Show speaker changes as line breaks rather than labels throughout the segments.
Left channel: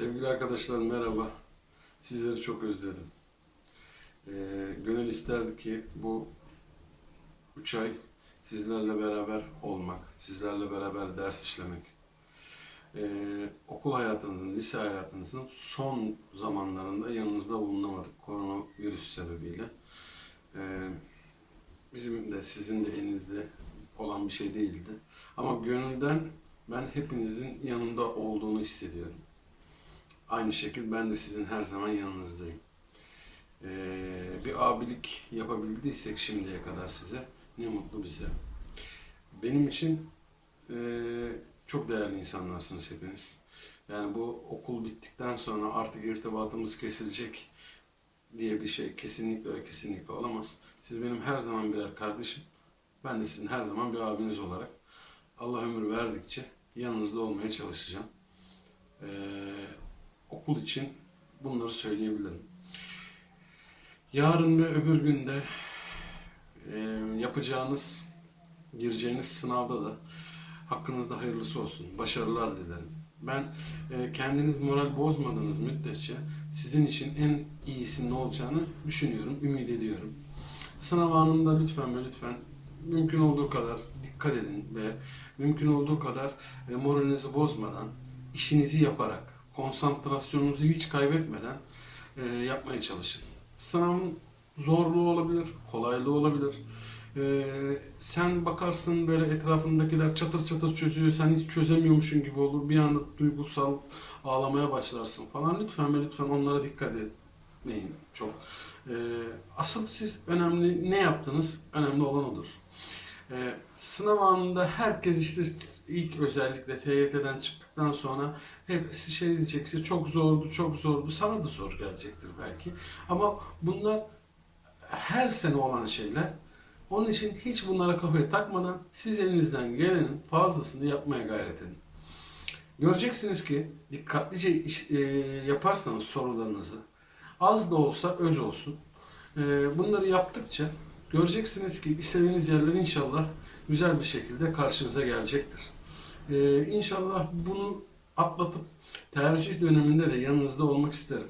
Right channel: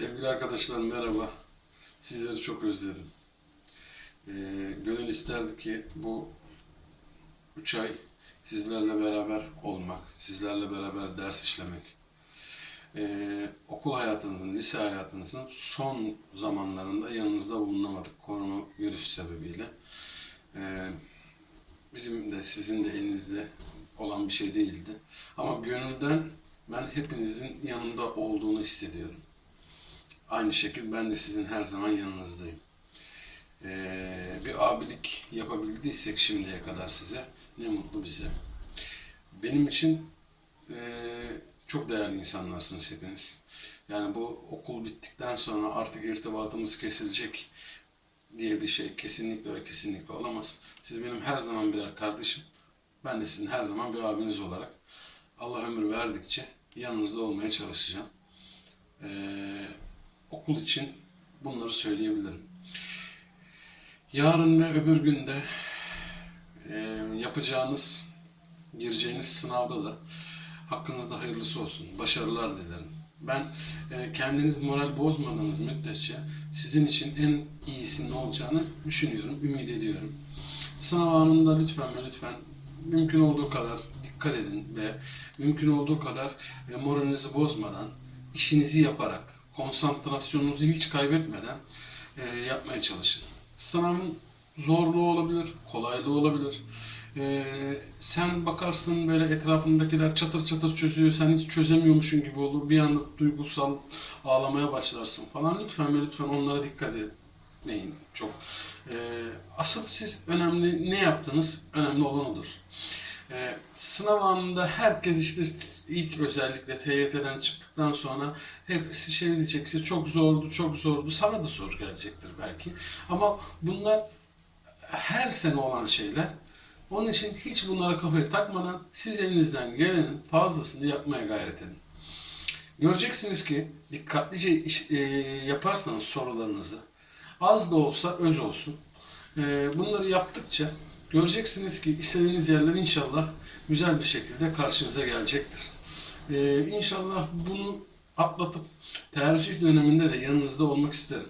Sevgili arkadaşlar merhaba. Sizleri çok özledim. Ee, gönül isterdi ki bu üç ay sizlerle beraber olmak, sizlerle beraber ders işlemek. Ee, okul hayatınızın, lise hayatınızın son zamanlarında yanınızda bulunamadık koronavirüs sebebiyle. Ee, bizim de sizin de elinizde olan bir şey değildi. Ama gönülden ben hepinizin yanında olduğunu hissediyorum. Aynı şekilde ben de sizin her zaman yanınızdayım. Ee, bir abilik yapabildiysek şimdiye kadar size ne mutlu bize. Benim için e, çok değerli insanlarsınız hepiniz. Yani bu okul bittikten sonra artık irtibatımız kesilecek diye bir şey kesinlikle kesinlikle olamaz. Siz benim her zaman birer kardeşim. Ben de sizin her zaman bir abiniz olarak Allah ömür verdikçe yanınızda olmaya çalışacağım. Ee, okul için bunları söyleyebilirim. Yarın ve öbür günde e, yapacağınız, gireceğiniz sınavda da hakkınızda hayırlısı olsun. Başarılar dilerim. Ben e, kendiniz moral bozmadığınız müddetçe sizin için en iyisinin olacağını düşünüyorum, ümit ediyorum. Sınav anında lütfen ve lütfen mümkün olduğu kadar dikkat edin ve mümkün olduğu kadar e, moralinizi bozmadan, işinizi yaparak, konsantrasyonunuzu hiç kaybetmeden e, yapmaya çalışın. Sınavın zorluğu olabilir, kolaylığı olabilir. E, sen bakarsın böyle etrafındakiler çatır çatır çözüyor, sen hiç çözemiyormuşsun gibi olur. Bir anda duygusal ağlamaya başlarsın falan. Lütfen ve lütfen onlara dikkat etmeyin çok. E, asıl siz önemli ne yaptınız? Önemli olan odur. Ee, sınav anında herkes işte ilk özellikle TYT'den çıktıktan sonra hepsi şey diyecek işte çok zordu, çok zordu. Sana da zor gelecektir belki. Ama bunlar her sene olan şeyler. Onun için hiç bunlara kafayı takmadan siz elinizden gelenin fazlasını yapmaya gayret edin. Göreceksiniz ki dikkatlice iş- e, yaparsanız sorularınızı az da olsa öz olsun. E, bunları yaptıkça göreceksiniz ki istediğiniz yerler inşallah güzel bir şekilde karşınıza gelecektir. E, inşallah bunu atlatıp tercih döneminde de yanınızda olmak isterim.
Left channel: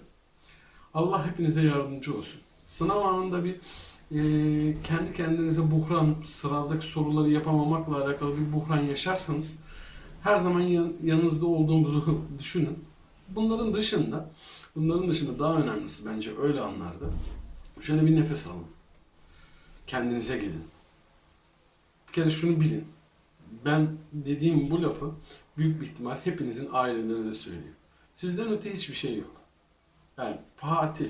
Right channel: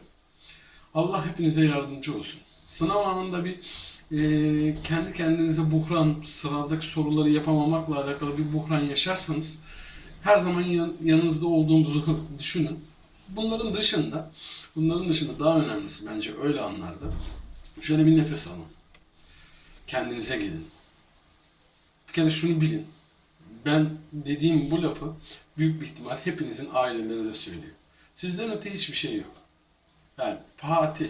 Allah hepinize yardımcı olsun. Sınav anında bir e, kendi kendinize buhran, sınavdaki soruları yapamamakla alakalı bir buhran yaşarsanız her zaman yan- yanınızda olduğumuzu düşünün. Bunların dışında, bunların dışında daha önemlisi bence öyle anlarda şöyle bir nefes alın. Kendinize gelin. Bir kere şunu bilin. Ben dediğim bu lafı büyük bir ihtimal hepinizin aileleri de söylüyor. Sizden öte hiçbir şey yok. Yani Fatih,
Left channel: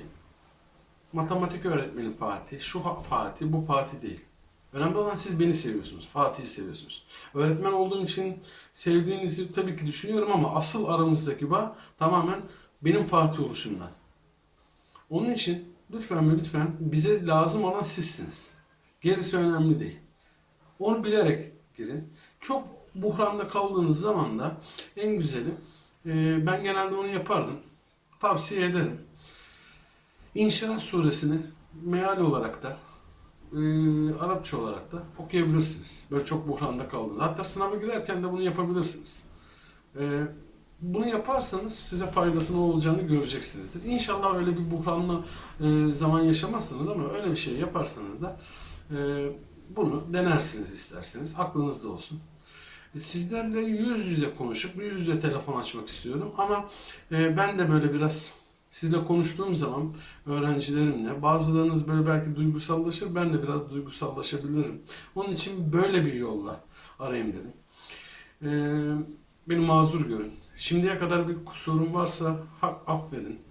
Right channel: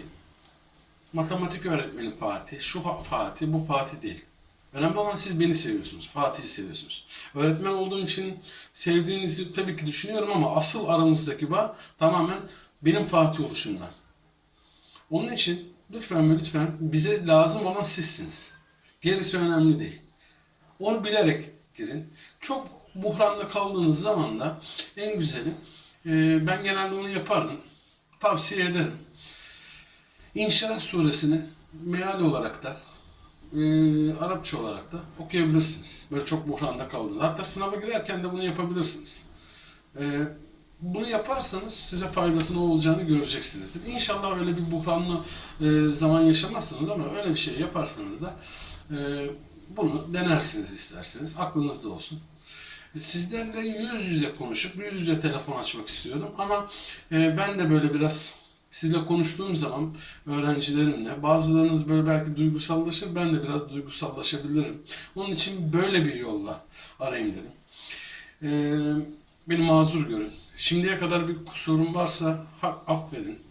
matematik öğretmeni Fatih, şu fa- Fatih, bu Fatih değil. Önemli olan siz beni seviyorsunuz, Fatih'i seviyorsunuz. Öğretmen olduğum için sevdiğinizi tabii ki düşünüyorum ama asıl aramızdaki bağ tamamen benim Fatih oluşumdan. Onun için lütfen ve lütfen bize lazım olan sizsiniz. Gerisi önemli değil. Onu bilerek girin. Çok buhranda kaldığınız zaman da en güzeli e, ben genelde onu yapardım. Tavsiye ederim. İnşirah suresini meal olarak da e, Arapça olarak da okuyabilirsiniz. Böyle çok buhranda kaldığınız. Hatta sınava girerken de bunu yapabilirsiniz. E, bunu yaparsanız size faydası ne olacağını göreceksinizdir. İnşallah öyle bir buhranlı e, zaman yaşamazsınız ama öyle bir şey yaparsanız da e, bunu denersiniz isterseniz. Aklınızda olsun. Sizlerle yüz yüze konuşup yüz yüze telefon açmak istiyorum ama e, ben de böyle biraz sizle konuştuğum zaman öğrencilerimle bazılarınız böyle belki duygusallaşır ben de biraz duygusallaşabilirim. Onun için böyle bir yolla arayayım dedim. E, beni mazur görün. Şimdiye kadar bir kusurum varsa affedin.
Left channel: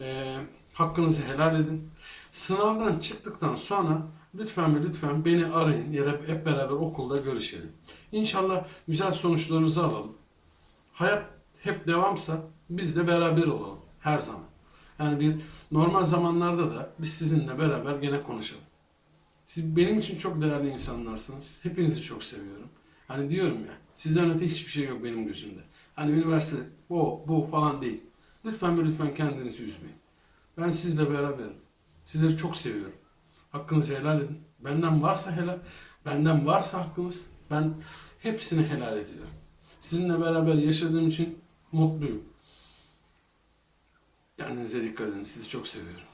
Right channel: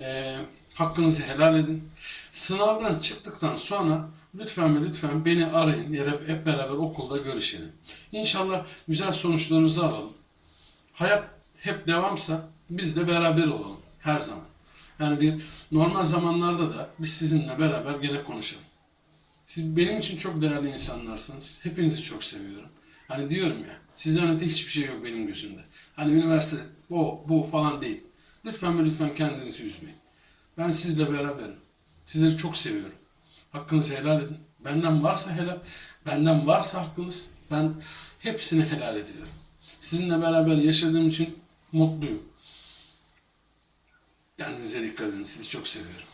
E, hakkınızı helal edin. Sınavdan çıktıktan sonra lütfen ve lütfen beni arayın ya da hep beraber okulda görüşelim. İnşallah güzel sonuçlarımızı alalım. Hayat hep devamsa biz de beraber olalım her zaman. Yani bir normal zamanlarda da biz sizinle beraber gene konuşalım. Siz benim için çok değerli insanlarsınız. Hepinizi çok seviyorum. Hani diyorum ya, sizden öte hiçbir şey yok benim gözümde. Hani üniversite, o, bu falan değil. Lütfen ve lütfen kendinizi üzmeyin. Ben sizle beraberim. Sizleri çok seviyorum. Hakkınızı helal edin. Benden varsa helal, benden varsa hakkınız, ben hepsini helal ediyorum. Sizinle beraber yaşadığım için mutluyum. Kendinize dikkat edin. Sizi çok seviyorum.